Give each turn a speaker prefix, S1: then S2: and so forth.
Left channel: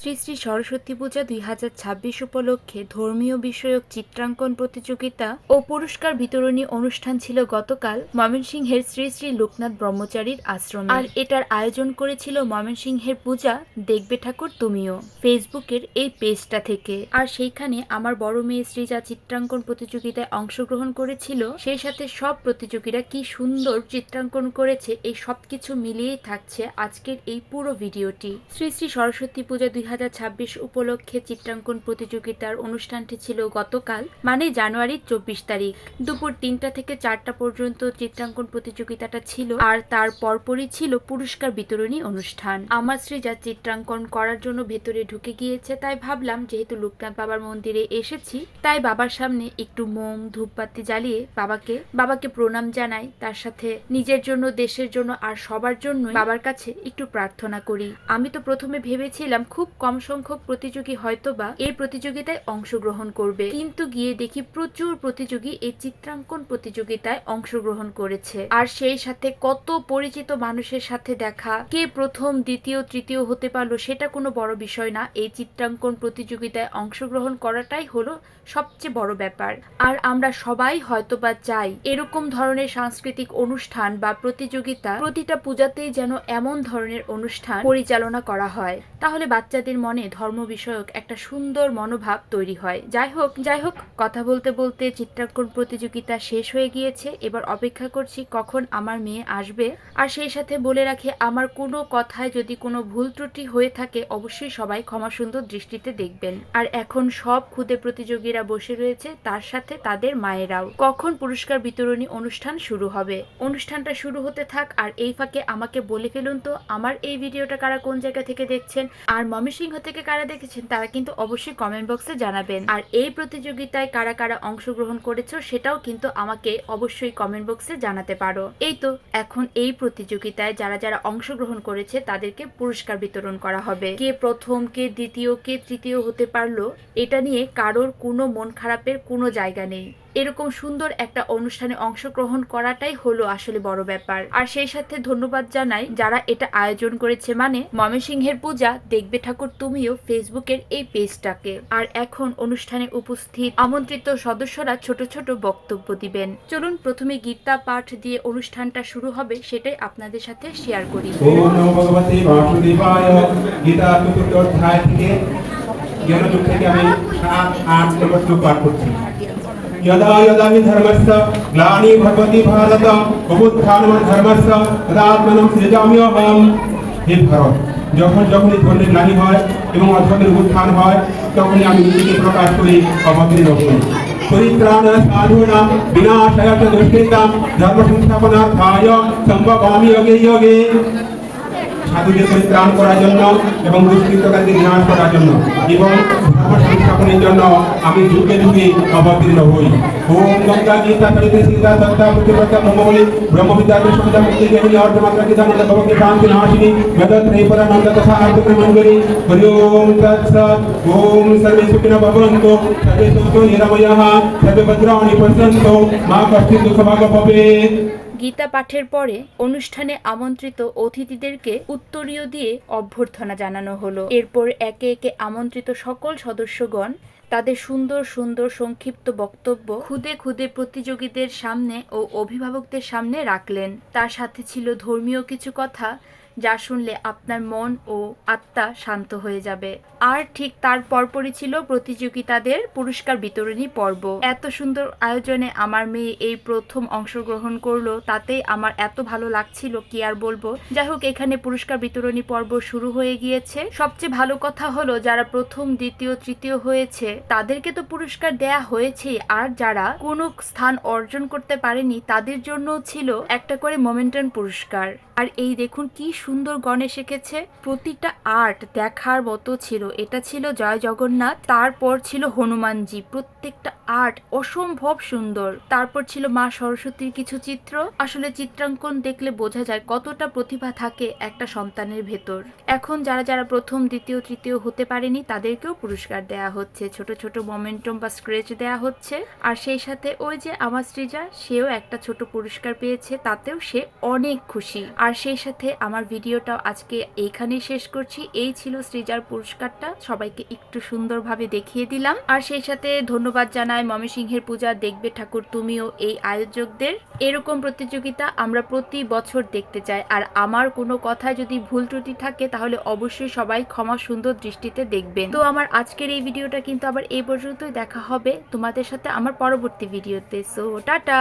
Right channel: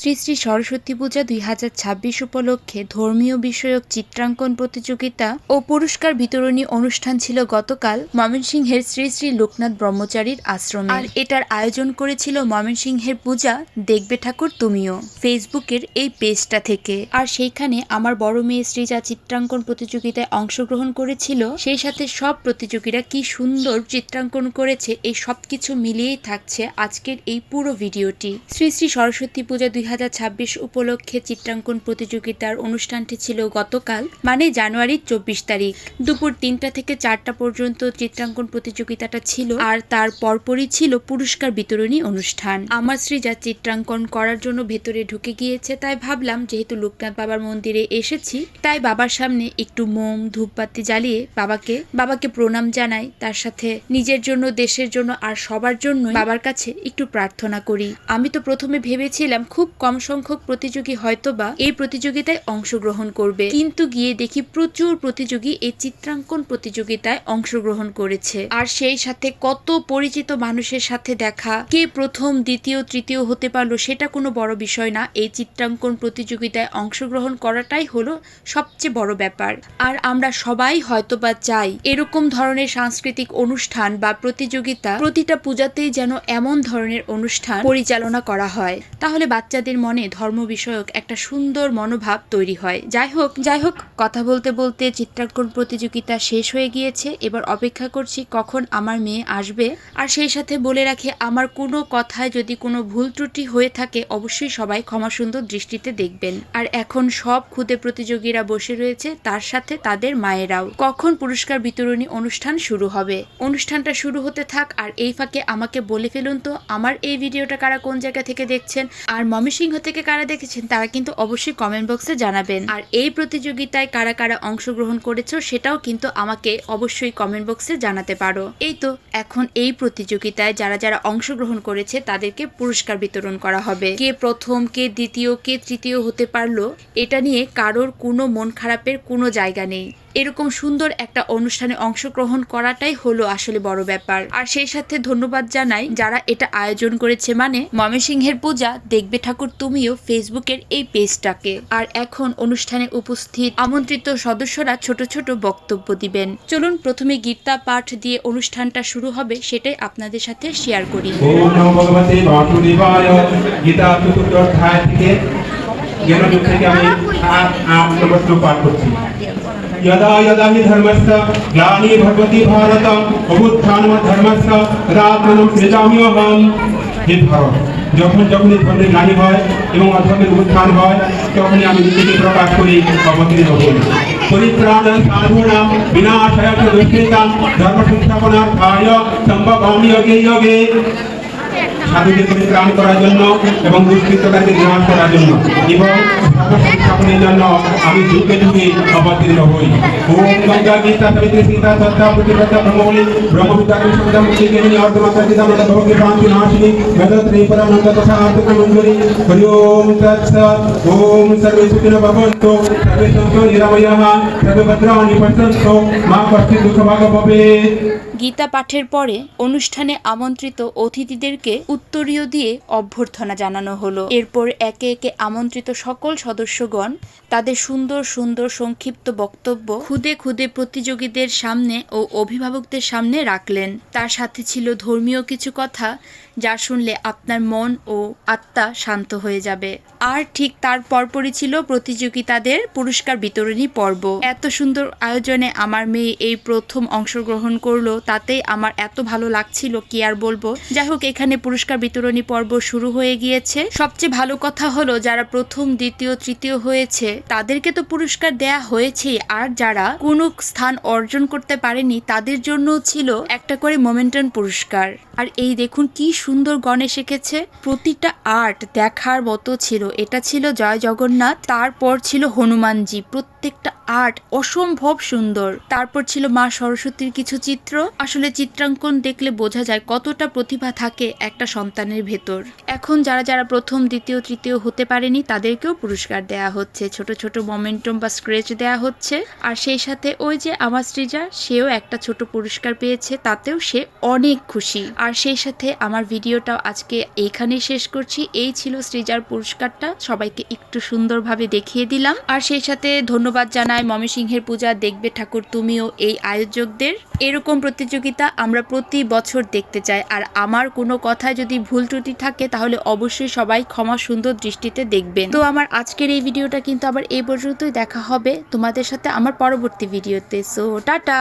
S1: শ্রী শ্রী সরস্বতী পূজা দুই হাজার ছাব্বিশ উপলক্ষে ধর্মীয় বিষয়ক চিত্রাঙ্কন প্রতিযোগিতা ও পুরস্কার বিতরণী অনুষ্ঠান ছিল গতকাল ময়মনসিংহের শ্রী শ্রী লোকনাথ ব্রহ্মচারীর আশ্রমে। আর এটার আয়োজন করেছিল ময়মনসিংহের পূজা দেখবে ঠাকুর তুমিও। ফেসবুকের এই পেজটা থেকে। আর সেইখানে আমার বড় মেয়ে শ্রীজা চিত্রাঙ্কন প্রতিযোগিতায় অংশগ্রহণ করেছিল, সেই সাথে সব প্রতিযোগীরা কি সুন্দর চিত্রাঙ্কন করেছে, এই সবকিছু মিলিয়েই থাকছে আজকের এই পুরো ভিডিওটি। শ্রী শ্রী সরস্বতী পূজা দুই হাজার ছাব্বিশ উপলক্ষে চিত্রাঙ্কন প্রতিযোগিতার অনুষ্ঠানটি ছিল গতকাল মানে জানুয়ারির চব্বিশ তারিখ। দুপুর তিনটা থেকে চারটা পর্যন্ত চিত্রাঙ্কন প্রতিযোগিতাটা ছিল আর তার পরপরই ছিল পুরস্কার বিতরণী অনুষ্ঠান। আমার শ্রীজা চিত্রাঙ্কন করার জন্য ভেতরে ঢুকে গিয়েছে, তাই ভাবলাম যেহেতু লোকনাথ বাবার মন্দিরে এসেছি, তাই বাবার সামনে একটু মোম, ধূপবাতি জ্বালিয়ে বাবাকে বাবাকে প্রণাম জানাই। তার সাথে নিজের জন্য, দেশের জন্য আর সবার জন্য বাবার কাছে একটু প্রার্থনা করি। আমি তো প্রথমে ভেবেছিলাম খুব কম সংখ্যক প্রতিযোগী হয়তোবা এই প্রতিযোগিতায় অংশগ্রহণ করবে। কিন্তু গিয়ে দেখি প্রচুর প্রতিযোগী এই চিত্রাঙ্কন প্রতিযোগিতায় অংশগ্রহণ করেছে। আর সেই সাথে কত পরিচিত মানুষের সাথে দেখা, কে প্রথম, দ্বিতীয়, তৃতীয় হতে পারল সেটা কোনো বড় বিষয় না। এই চিত্রাঙ্কন প্রতিযোগিতায় অংশগ্রহণ করাটাই হলো সবচেয়ে বড় ব্যাপার। আর আমরা সবাই হয়তোবা চাই এরকম ধরনের সাংস্কৃতিক অনুষ্ঠান বা প্রতিযোগিতা প্রতিটা পূজাতেই যেন এমন ধরনের অনুষ্ঠান পরিচালনা করা হয়। তাহলে বাচ্চাদের মনে ধর্ম বিষয়ক একটা সুন্দর মনোভাব তৈরি হয়। যাই হোক যাই হোক কথা বলতে বলতে চিত্রাঙ্কন প্রতিযোগিতা শেষ হয়ে গিয়েছে। এবার অপেক্ষা করছি কখন আমার মেয়ে আসবে। আর সেই সাথে বলে রাখি, আমার কোনো কথায় যদি কোনো ভুল ত্রুটি হয়ে থাকে, অবশ্যই সবাই ক্ষমা সুন্দর দৃষ্টিতে দেখবেন। আর এখন সব খুদে প্রতিযোগীরা বসে রয়েছে, তার সাথে তাদের মায়েরাও। কখন পুরস্কার বিতরণী অনুষ্ঠান শুরু হবে? অনুষ্ঠানটা শুরু হতে থাক, আর এই ফাঁকে আমাকে বলে ফেলুন তো, আমার এই ভিডিওটা কারা কোন জায়গা থেকে দেখছেন? আর ময়মনসিংহ থেকে কারা দেখেছেন তারা কিন্তু অবশ্যই কমেন্ট বক্সে জানাবেন। আর এই প্রতিযোগিতায় কারা কারা অংশগ্রহণ করেছ সেটাও কিন্তু আমাকে অবশ্যই কমেন্ট বক্সে জানাতে পারো। এই তো, এখন এই প্রতিযোগিতায় যারা যারা অংশগ্রহণ করেছে তাদেরকে পুরস্কার বিতরণ করা হবে। কে প্রথম, কে দ্বিতীয়, কে তৃতীয় হতে পারল, এটা নিয়ে কারোর কোনো মন খারাপের কোনো জায়গা নেই। এরকম সুন্দর একটা অনুষ্ঠানে অংশগ্রহণ করাটাই হলো আসলে বড় ব্যাপার। আর সেই সাথে ধন্যবাদ জানাই যারা এটা আয়োজন করেছে। মানে ময়মনসিংহের পূজা, দেখবে ঠাকুর তুমিও ফেসবুকের এই পেজটাকে। আর এখন অনুষ্ঠানে উপস্থিত আমন্ত্রিত সদস্যরা ছোট ছোট বক্তব্য দিবেন। চলুন প্রথমে গীতা পাঠ দিয়ে অনুষ্ঠানটা শুরু হবে, সেটাই আপনাদের সাথে শেয়ার করি।
S2: থেকে। আমি পাঠ করছি। यदा यदा हि धर्मस्य ग्लानि भगवति भारत অবুত্থানম ধর্মস্য তদাত্মনম সৃজাম্যহম হে ভারত যখন যখনই ধর্মের গ্লানি হয় এবং অধর্মের উত্থান হয় তখনই আমি নিজেকে প্রকাশ করি অবতীর্ণ হই পরিত্রাণ সাধুনাম বিনাশায় চ দুষ্কৃতাম ধর্ম সংস্থাপনার্থায় সম্ভবামি যোগে যোগে সাধুকে পরিত্রাণ করার জন্য এবং দুষ্কৃতকারীকে বিনাশ করার জন্য এবং আমি অবতীর্ণ হই। ওম গঙ্গা গীতা ব্রহ্মবলি, ব্রহ্মবিদ্যা মুক্তি গীতা মন্দ ভগবতী শান্তি ত্রৈপরানন্দ তথা আর্থিক হরি ওম তৎস, ওম সর্বে সুখিনো সর্বে সর্বে ভদ্রাণি মা কশ্চিৎ দুঃখভাগ ভবেৎ
S1: গীতা পাঠের পরে অনুষ্ঠানে আমন্ত্রিত অতিথিদেরকে উত্তরীয় দিয়ে অভ্যর্থনা জানানো হলো। এরপর একে একে আমন্ত্রিত সকল সদস্যগণ তাদের সুন্দর সুন্দর, সংক্ষিপ্ত বক্তব্য খুদে খুদে প্রতিযোগীদের সামনে ও অভিভাবকদের সামনে রাখলেন। তার সাথে ছিল ধর্মীয় কিছু কথা যা শুনলে আপনার মন ও আত্মা শান্ত হয়ে যাবে। আর ঠিক তার পরপরই ছিল প্রতিযোগিতাদের পুরস্কার বিতরণী পর্ব। এত সুন্দর আয়োজনে আমার মেয়ে এই প্রথম অংশগ্রহণ করল, তাতেই আমার এত ভালো লাগছিল, কি আর বলব? যাই হোক, এখানে পুরস্কার বিতরণী পর্ব শুরু হয়ে গিয়েছে। সবচেয়ে ভালো কথা হলো, যারা প্রথম, দ্বিতীয়, তৃতীয় হয়েছে, তাদেরকে তো পুরস্কার দেয়া হয়েছেই। আর যারা কোনো স্থান অর্জন করতে পারেনি, তাদের জন্য ছিল একটা করে মোমেন্টান পুরস্কার। আর এই দেখুন, কি সুন্দর গণেশ এঁকেছে প্রতিটা আর্ট দেখার মতো ছিল। এটা ছিল জয় জগন্নাথ, তারপর ছিল হনুমানজি। প্রত্যেকটা আর্ট অসম্ভব সুন্দর। তারপর ছিল মা সরস্বতীর কিছু চিত্র। আসলে চিত্রাঙ্কন দেখলে বোঝা যায় কতটা প্রতিভা থাকে একটা সন্তানের ভেতর। এখন যারা যারা প্রথম, দ্বিতীয়, তৃতীয় হতে পারেনি, তাদেরকেও পুরস্কার দেয়া হচ্ছে। ছোট ছোট মোমেন্টাম বা স্ক্রেচ দেয়া হচ্ছে। আর সেই সাথে ওই যে আমার শ্রীজা সেও একটা ছোট পুরস্কার পেয়েছে। তাতেও সে অনেক খুশি। আর সেই সাথে আমার ভিডিওটাও আজকে এইখানেই শেষ করছি। এই ছিল সৃজার পুরস্কারটা। সবাইকে একটু সুন্দরভাবে দেখিয়ে দিলাম। আর সেই সাথে ধন্যবাদ জানাই ময়মনসিংহের পূজা, দেখবে ঠাকুর তুমিও এই আয়োজকদের। এরকম প্রতিযোগিতা আমরা প্রতি বছর দেখতে চাই। আর আমার কোনো কথায় যদি ভুল ত্রুটি থাকে, তাহলে অবশ্যই সবাই ক্ষমা সুন্দর দৃষ্টিতে দেখবেন। তো আমার আজকের এই ভিডিওটা কিন্তু আবার এই পর্যন্তই। দেখা হবে তোমাদের সাথে আমার পরবর্তী ভিডিওতে। So tata!